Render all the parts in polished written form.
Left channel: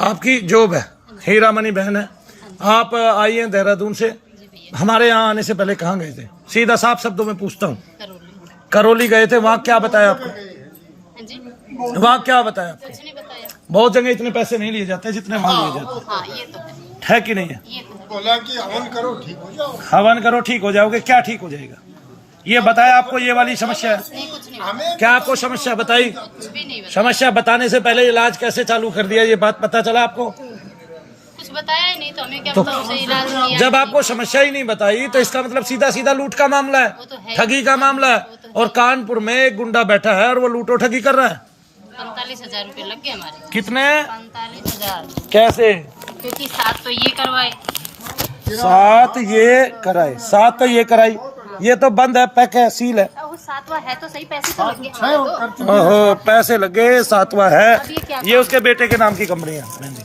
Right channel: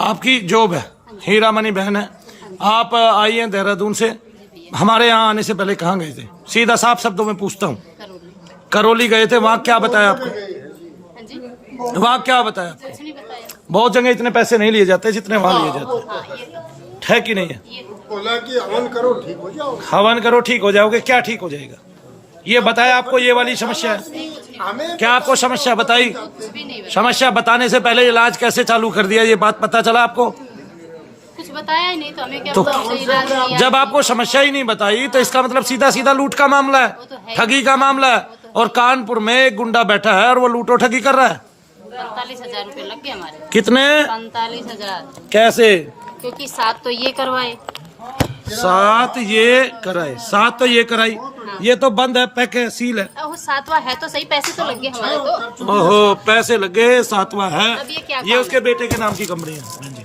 आपकी जॉब है, हीरामणि बहन है, आप आई हैं देहरादून से। हमारे यहाँ आने से पहले कहाँ गए थे? सीधा साफ शब्दों में पूछता हूँ। करौली गए थे, वहाँ क्या बताया आपको? वहाँ क्या बताया आपको? बहुत जगह इतने पैसे नहीं लिए जाते जितने वहाँ लिए जाते, है कि नहीं है? बोला कि हवन करो ठीक हो जाओ। हवन करो ठीक हो जाओगे, क्या ठीक हो जाएगा? ये बताया आपको? ये वाली समस्या है क्या आपको? समस्या बताई? समस्या बताने से पहले इलाज कैसे चालू कर दिया, ये बात पता चला आपको? कुछ बताया ही नहीं तो हमें क्या पता उसे इलाज किया। जब आपको समस्या ही नहीं बताई तो इसका मतलब सीधा सीधा लूट का मामला है, ठगी का मामला है। और कानपुर में एक गुंडा बैठा है और वो लूटो ठगी कर रहा है। 45,000 रूपए लग गए हमारे। कितने? 45,000। कैसे? क्योंकि 7 तो ये करवाए, 7 ये कराए, 7 तो ये कराई। ये तो बंद है, पैक है, सील है। 7वां है तो सही, पैसे तो लग गए हमारे तो। ओहो, पैसे लगे, 7वां है। ये उसके बेटे के नाम की कंपनी है बहन जी,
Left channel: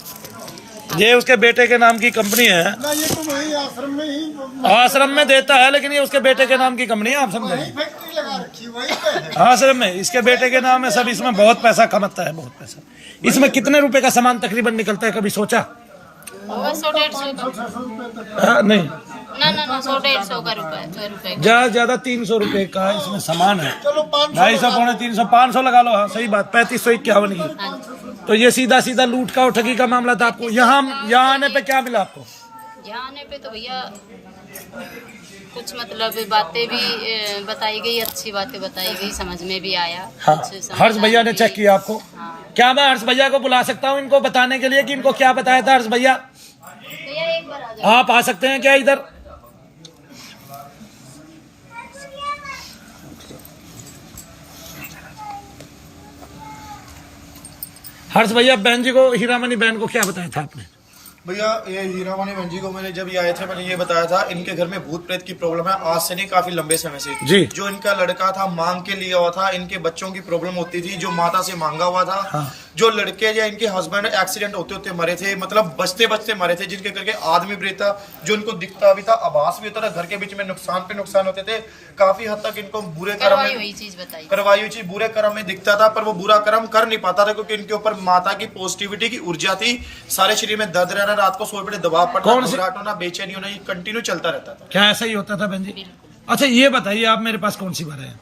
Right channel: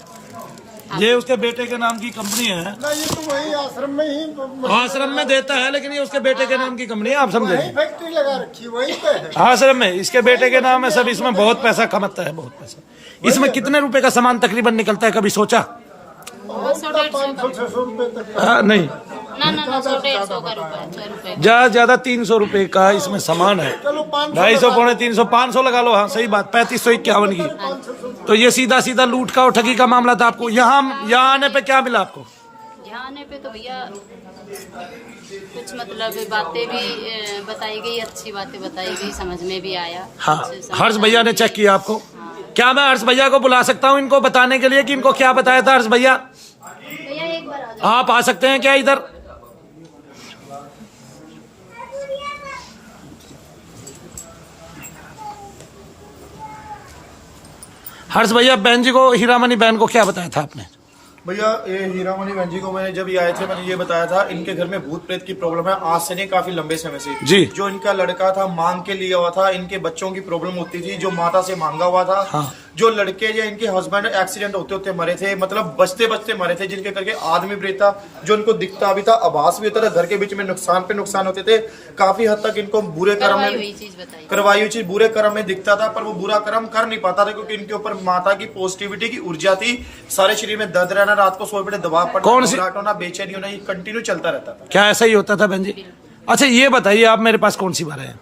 ये उसके बेटे के नाम की कंपनी है ना। ये तो वही आश्रम में ही, आश्रम में देता है, लेकिन ये उसके बेटे के नाम की कंपनी है, आप समझे? फैक्ट्री लगा रखी वहीं पे है। आश्रम में इसके बेटे के नाम है सब। इसमें बहुत पैसा कमाता है, बहुत पैसा। इसमें कितने रुपए का सामान तकरीबन निकलता है, कभी सोचा? 500-600 रुपए तक। नहीं, ना 100-150 का रुपए ज्यादा ज्यादा 300 रुपए का इसमें सामान है। चलो 500, 250, 350, 500 लगा लो। हाँ सही बात, 3551 की। तो ये सीधा सीधा लूट का और ठगी का मामला था। आपको यहाँ आने पे क्या मिला आपको? यहाँ आने पे तो भैया कुछ मतलब बातें भी बताई गई, अच्छी बातें बताई गई, समझ में भी आया। हाँ, हर्ष भैया ने चेक किया आपको? हाँ। क्या मैं हर्ष भैया को बुला सकता हूँ इनको बताने के लिए कि इनको क्या बताया था? हर्ष भैया एक बार आ जाओ। आप आ सकते हैं क्या इधर? हर्ष भैया, बहन जी को, हीरामणि बहन को क्या बताया था आपने? भैया ये हीरामणि बहन जी को मैंने जब ये आए थे मैंने ये बताया था, इनके घर में भूत प्रेत की प्रॉब्लम है, आज से नहीं काफी लंबे समय से जी। जो इनका लड़का था मांग के लिया हुआ था, इनके बच्चों की प्रॉब्लम होती थी, जो माता से मांगा हुआ था। हाँ। जो लड़के या इनके हस्बैंड एक्सीडेंट होते होते मरे थे, मतलब बचते बचते मरे थे, जिनके करके आदमी प्रेत था, जो इनको दिखता भी था, आभास भी होता था, घर के बीच में नुकसान पे नुकसान होते थे। काफी हद तक इनको बुरे कर्म करवाई हुई चीज बुरे कर्म में दिखता था, पर वो बुरा कर्म कर नहीं पाता था क्योंकि इनके ऊपर माता की पॉजिटिविटी की ऊर्जा थी। सारे शरीर में दर्द रहना, रात को सोए पड़े दबाव पड़ना, घबराहट होना, बेचैनी होना, ये कंटिन्यू चलता रहता था। क्या ऐसा ही होता था बहन जी? अच्छा ये बताइए, आप मेरे पास कौन सी बार आए?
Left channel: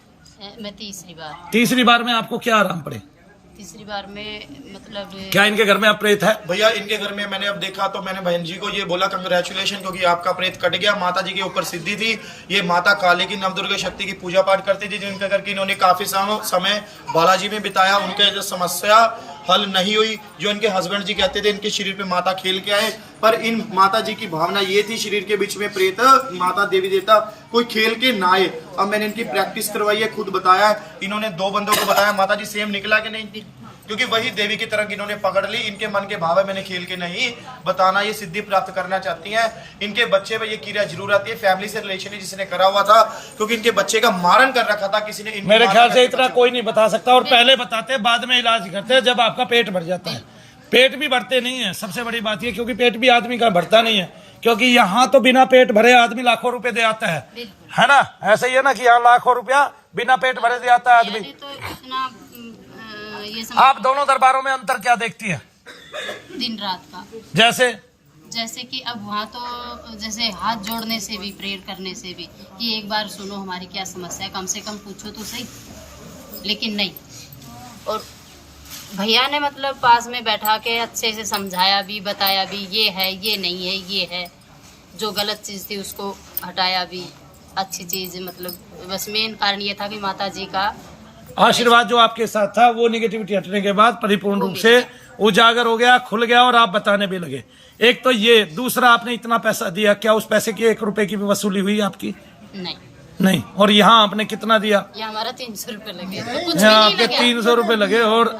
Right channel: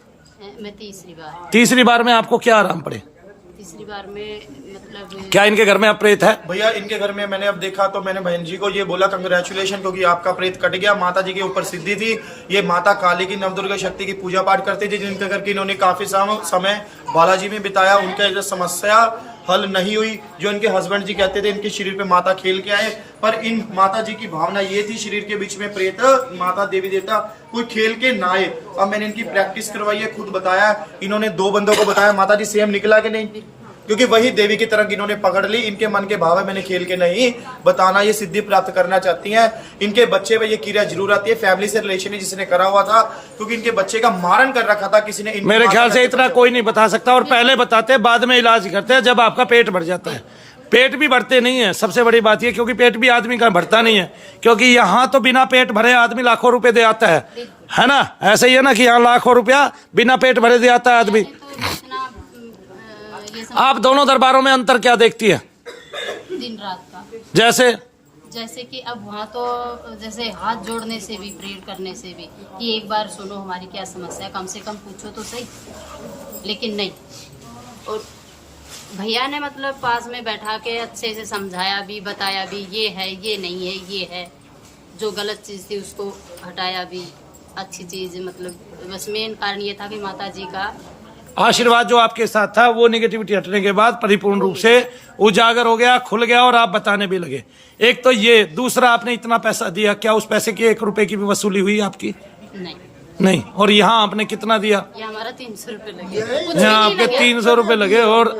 मैं तीसरी बार। तीसरी बार में आपको क्या आराम पड़े? तीसरी बार में मतलब क्या इनके घर में अब प्रेत है? भैया इनके घर में मैंने अब देखा तो मैंने बहन जी को ये बोला कंग्रेचुलेशन, क्योंकि आपका प्रेत कट गया। माता जी के ऊपर सिद्धि थी, ये माता काली की नवदुर्गा शक्ति की पूजा पाठ करती थी, जिनके घर की इन्होंने काफी समय बालाजी में बिताया। उनके जो समस्या हल नहीं हुई, जो इनके हस्बैंड जी कहते थे इनके शरीर पे माता खेल के आए, पर इन माता जी की भावना ये थी शरीर के बीच में प्रेत माता देवी देवता कोई खेल के ना आए। अब मैंने इनकी प्रैक्टिस करवाई है, खुद बताया, इन्होंने 2 बंदों को बताया, माता जी सेम निकला कि नहीं, क्योंकि वही देवी की तरह इन्होंने पकड़ ली। इनके मन के भाव है, मैंने खेल के नहीं बताना, ये सिद्धि प्राप्त करना चाहती हैं। इनके बच्चे में ये क्रिया जरूर आती है, फैमिली से रिलेशन ही जिसने करा हुआ था, क्योंकि इनके बच्चे का मारण कर रखा था किसी ने। मेरे ख्याल से इतना कोई नहीं बता सकता, और पहले बताते बाद में इलाज करते जब आपका पेट भर जाता है। पेट भी भरते नहीं है, सबसे बड़ी बात ये, क्योंकि पेट भी आदमी का भरता नहीं है, क्योंकि यहाँ तो बिना पेट भरे आदमी लाखों रुपए दे आता है ना? ऐसे ही है ना कि यहाँ लाखों रुपया बिना पेट भरे दे आता है आदमी। आप दोनों दरबारों में अंतर क्या देखती है? दिन रात का। जैसे कि अब वहाँ तो जैसे हाथ जोड़ने से भी, प्रेयर करने से भी कि एक बार सुनो हमारी क्या समस्या है, कम से कम पूछो तो सही, लेकिन नहीं। और भैया ने मतलब पास में बैठा के अच्छे से समझाया भी, बताया भी, ये है, ये नहीं है, ये है, जो गलत चीज़ थी उसको हटाया भी, अच्छी चीज़। मतलब बस मेन कारण ये था कि माता जी का आशीर्वाद जो आपके साथ था वो निगेटिविटी हटने के बाद परिपूर्ण रूप से उजागर हो गया, खुल गया, और आप बताने भी लगे। एक तो ये, दूसरा आपने इतना पैसा दिया, क्या उस पैसे की 1 रुपए की भी वसूली हुई आपकी? नहीं। और यहाँ आपने कितना दिया? यहाँ हमारा 300 रुपए लगे। यहाँ आपके 300 रुपए लगे। और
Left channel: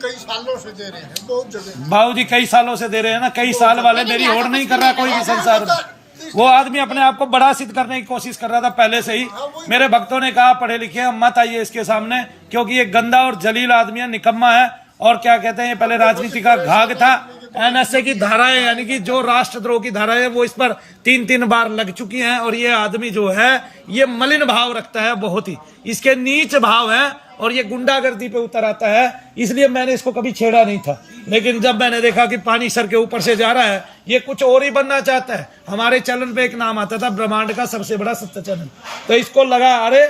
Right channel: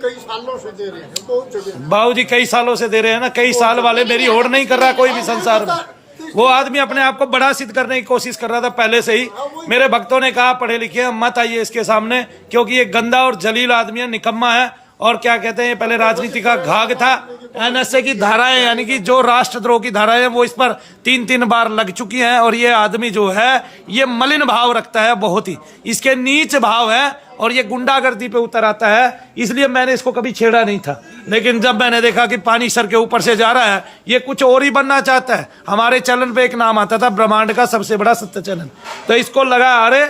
कई सालों से दे रहे हैं, बहुत जगह बाबू जी कई सालों से दे रहे हैं ना, कई साल वाले मेरी होड़ नहीं कर रहा कोई भी संसार में। वो आदमी अपने आप को बड़ा सिद्ध करने की कोशिश कर रहा था पहले से ही। मेरे भक्तों ने कहा पढ़े लिखे मत आइए इसके सामने, क्योंकि ये गंदा और जलील आदमी है, निकम्मा है, और क्या कहते हैं, पहले राजनीति का घाघ था, NSA की धाराएं यानी कि जो राष्ट्रद्रोह की धाराएं वो इस पर 3-3 बार लग चुकी हैं। और ये आदमी जो है ये मलिन भाव रखता है, बहुत ही इसके नीच भाव है और ये गुंडागर्दी पे उतर आता है। इसलिए मैंने इसको कभी छेड़ा नहीं था, लेकिन जब मैंने देखा कि पानी सर के ऊपर से जा रहा है, ये कुछ और ही बनना चाहता है। हमारे चैनल पे एक नाम आता था ब्रह्मांड का सबसे बड़ा सत्य चैनल, तो इसको लगा अरे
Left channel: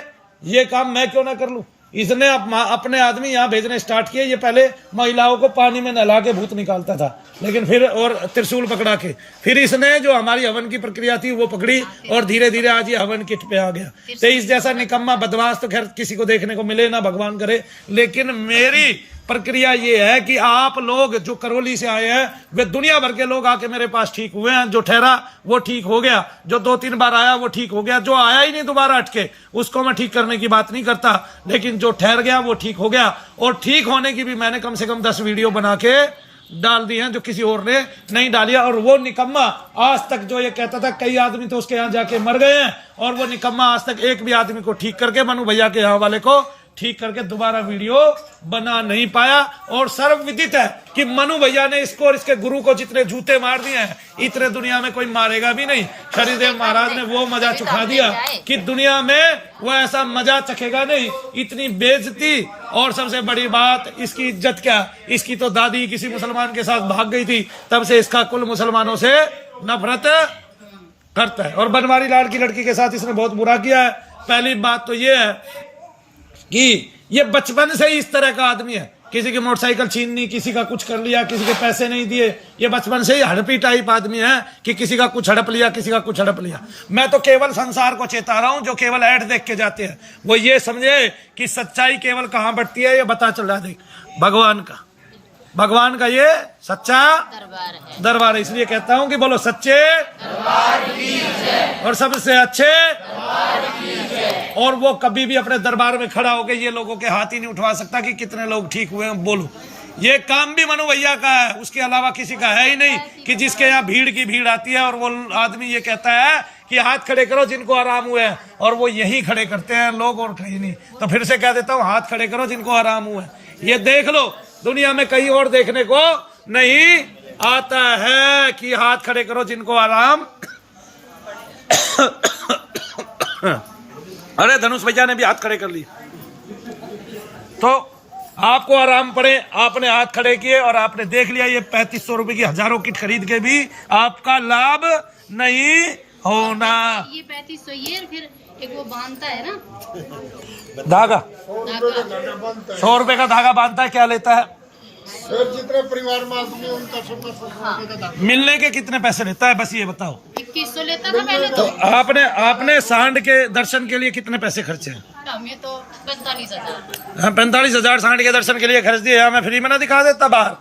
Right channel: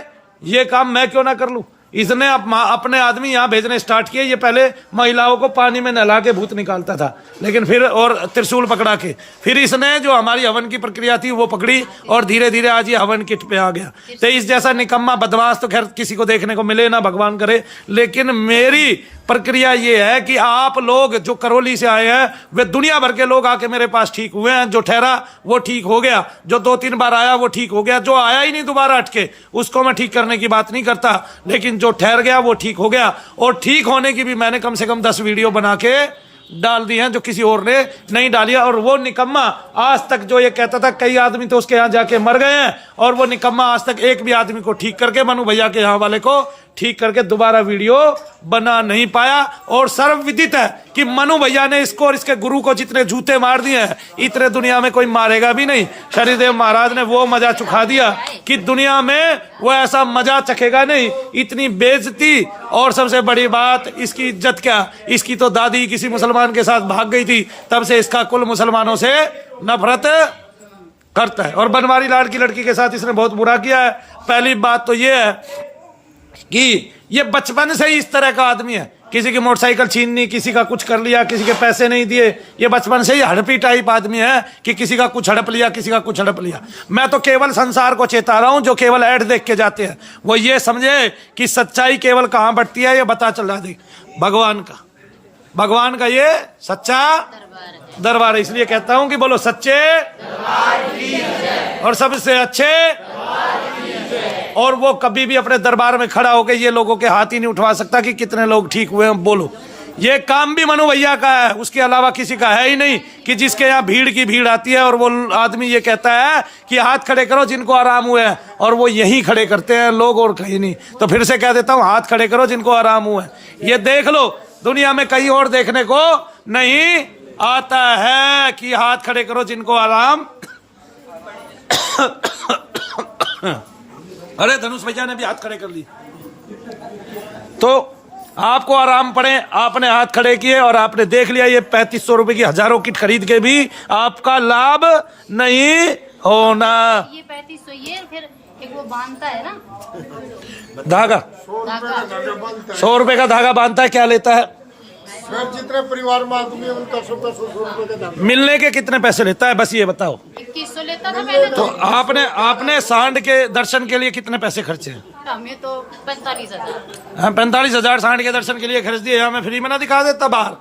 ये काम मैं क्यों ना कर लूं। इसने अपने आदमी यहाँ भेजने स्टार्ट किए। ये पहले महिलाओं को पानी में नहला के भूत निकालता था, लेकिन फिर और त्रिशूल पकड़ा के फिर इसने जो हमारी हवन की प्रक्रिया थी वो पकड़ी और धीरे धीरे आज ये हवन किट पे आ गया। तो इस जैसा निकम्मा बदमाश तो खैर किसी को देखने को मिले ना, भगवान करे। लेकिन मेरी प्रक्रिया ये है कि आप लोग जो करौली से आए हैं वे दुनिया भर के लोग आके मेरे पास ठीक हुए हैं। जो ठहरा वो ठीक हो गया, जो 2-3 बार आया वो ठीक हो गया, जो आया ही नहीं दोबारा अटके उसको मैं ठीक करने की बात नहीं करता, लेकिन जो ठहर गया वो ठीक हो गया। और ठीक होने की भी मैंने कम से कम 10 वीडियो बना के डाल दी हैं जो किसी और ने नहीं डाली। और वो निकम्मा आज तक जो ये कहता था कई आदमी तो उसके यहाँ जाके मर गए हैं, और वो निकम्मा आज तक एक भी आदमी को ठीक करके मनु भैया के यहाँ वाले को ठीक करके दोबारा वीडियो बना नहीं पाया। और सर्वविदित है कि मनु भैया ने इसको और इसके गुरु को जितने जूते मार दिए हैं इतने दुनिया में कोई मारेगा भी नहीं। शनिदेव महाराज ने वो मजा चुका दिया कि दुनिया में वो ऐसा मजा चखेगा नहीं। इतनी बेइज्जती, और सबसे बड़ी बात इसकी इज्जत क्या, इसकी तो दादी किसी मुसलमान के साथ भाग गई थी, तब से इसका कुल मुसलमानों से नफरत करता है। और बनवारी लाल की लड़की के साथ इसने बहुत बुरा किया है। पहली बात तो ये है कि ये बचपन से ही इस तरह का आदमी है, किसी की मोटरसाइकिल छीननी, किसी का कुछ कर लिया, किसी के पैसे नहीं दिए। ये बचपन से ही हड़पी टाइप आदमी है कि किसी का कुछ हड़प लिया, किसी का कुछ हड़प लिया। मैं तो केवल संसार को चेता रहा हूं जो केवल ऐड देख के जाते हैं, वो ये समझे कि सच्चाई केवल कहां बढ़ती है ये पता चल रहा है। भगवान का ये सच्चा दरबार है। इसलिए कहता हूं कि बोलो सच्चे दरबार की जय और सबसे अच्छे दरबार की जय। और वो कभी भी अपने दरबार में खड़ा होकर ये लोगों के हाथ ही नहीं उठवा सकता कि कितने लोग ठीक हुए हैं। बोलो, ये काम भी मनु भैया का है, उसके अलावा किसी का है ही नहीं कि जिसके यहाँ भीड़ की भीड़ आती है और वो आदमी ये कहता है कि हाथ खड़े करो जिनको आराम हुए हैं, और वो यही खड़े करते हैं लोग और कहीं नहीं। तो फिर से कह देता हूँ, हाथ खड़े करो जिनको आराम हुए हैं। ये देख लो, दुनिया में कहीं और देखने को नहीं आता है कि हाथ खड़े करो जिनको आराम। अरे धनुष भैया ने भी हाथ खड़े कर लिए, तो आपको आराम पड़े, आपने हाथ खड़े किए और आपने देख लिया ये 3500 रुपए की हजारों किट खरीद के भी आपका लाभ नहीं होना। ये 3500 ये फिर एक वो बांधता है ना धागा, 100 रुपए का धागा बांधता है, क्या लेता है? फिर जितने परिवार में आदमी है उनका 100 रुपए का दाम। मिलने के कितने पैसे लेता है बस ये बताओ। 2100 लेता था पहले तो आपने सांड के दर्शन के लिए कितने पैसे खर्चे हैं? हमें तो 45,000। हाँ 45,000 सांड के दर्शन के लिए खर्च दिए। मैं फ्री में ना दिखा देता बाहर,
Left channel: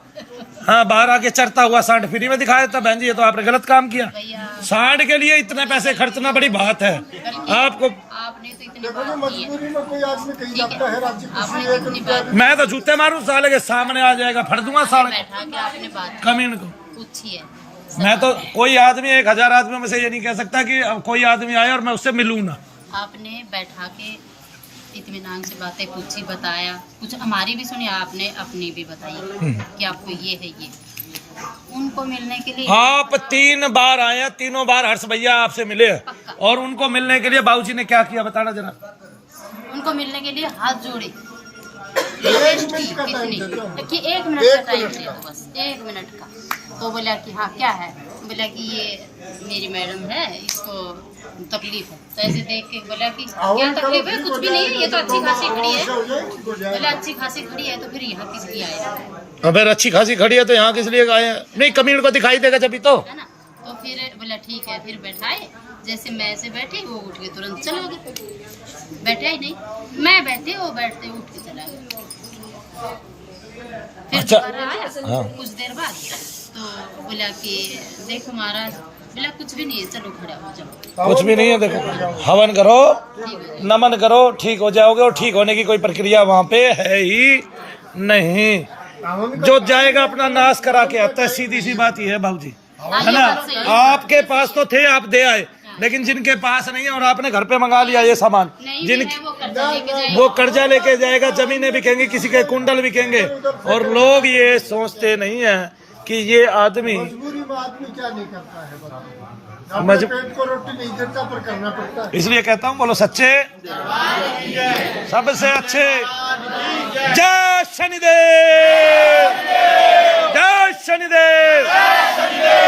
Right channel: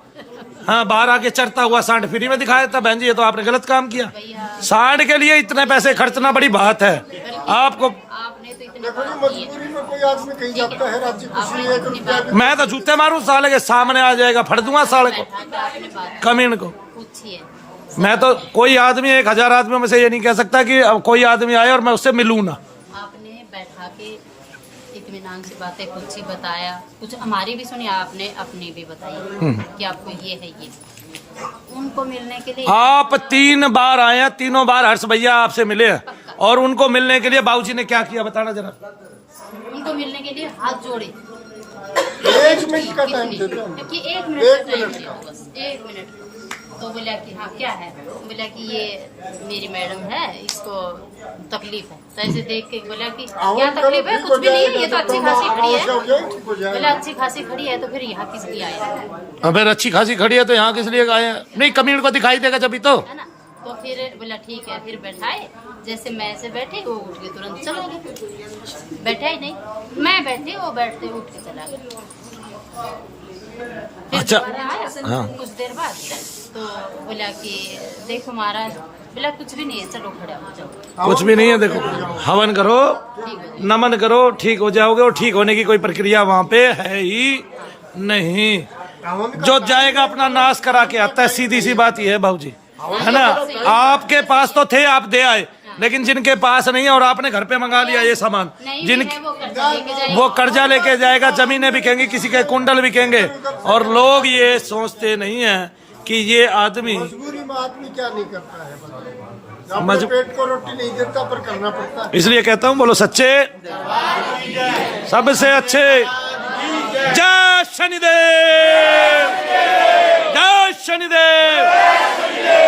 हाँ बाहर आके चरता हुआ सांड फ्री में दिखा देता। बहन जी ये तो आपने गलत काम किया, सांड के लिए इतने पैसे खर्चना बड़ी बात है। आपको आपने तो इतने देखो जी, मजबूरी में कोई आदमी कहीं जाता है राज्य आपने किसी कितनी बात मैं तो जूते मारूं साले के सामने आ जाएगा, फट दूंगा साले को, बैठा के आपने बात कमीन को। पूछी है। मैं तो कोई आदमी 1000 आदमियों में से ये नहीं कह सकता कि कोई आदमी आए और मैं उससे मिलूं ना। आपने बैठा के इत्मीनान से बातें पूछी, बताया, कुछ हमारी भी सुनी, आपने अपनी भी बताई कि आपको ये है ये। उनको मिलने के लिए आप 3 बार आए हैं, तीनों बार हर्ष भैया आपसे मिले हैं, और उनको मिलने के लिए बाबूजी ने क्या किया बताना जरा। उनको मिलने के लिए हाथ जोड़े। 1 मिनट का टाइम देते हैं। कि 1 मिनट का टाइम दिया, बस 1 मिनट का। तो बोला कि हाँ क्या है, बोला कि ये मेरी मैडम है, इसको तकलीफ है। तो ऐसे देख के बोला कि क्या तकलीफ है, कुछ भी नहीं, ये तो अच्छी खासी खड़ी है। बोला अच्छी खासी खड़ी है तो फिर यहाँ किस लिए आया है? अगर अच्छी खासी खड़ी है तो यहाँ किस लिए आए हैं? नहीं कमीन को दिखाई देगा जब तो, है ना। तो फिर बोला ठीक है, फिर बैठाए। जैसे मैं ऐसे बैठी, वो उठ के तुरंत चला गया। बैठा ही नहीं, मैं बैठी, वो बैठते उठ के चला गया। फिर अच्छा। दोबारा आया हाँ। कुछ देर बाद, तो बोला कि देखो महाराज, बोला कुछ भी नहीं है, चलो खड़े हो जाओ। कुछ भी नहीं है, देखो हवन करो, नमन करो, ठीक हो जाओगे। और ठीक होने की कोई प्रक्रिया वहाँ पे है ही नहीं। जो जाएगा अपना नाश करा के आता है, सीधी सी बात ये है भाऊजी, है ना। आपके पास तो थे, आप दे आए, लेकिन जिनके पास नहीं है और आपने घर पे मंगा लिया ये सामान, वो कर्जा लेके जाएगा, जमीनें बिकेंगी, किसी के कुंडल बिकेंगे। और लोग ये सोचते नहीं है कि ये आदमी मजबूरी में आदमी क्या नहीं करता है बताओ। मज- अपने पेट को रोटी नहीं देता पर करना पड़ता है। इसलिए कहता हूँ बोलो सच्चे सबसे अच्छे। जय शनिदेव, जय शनिदेव।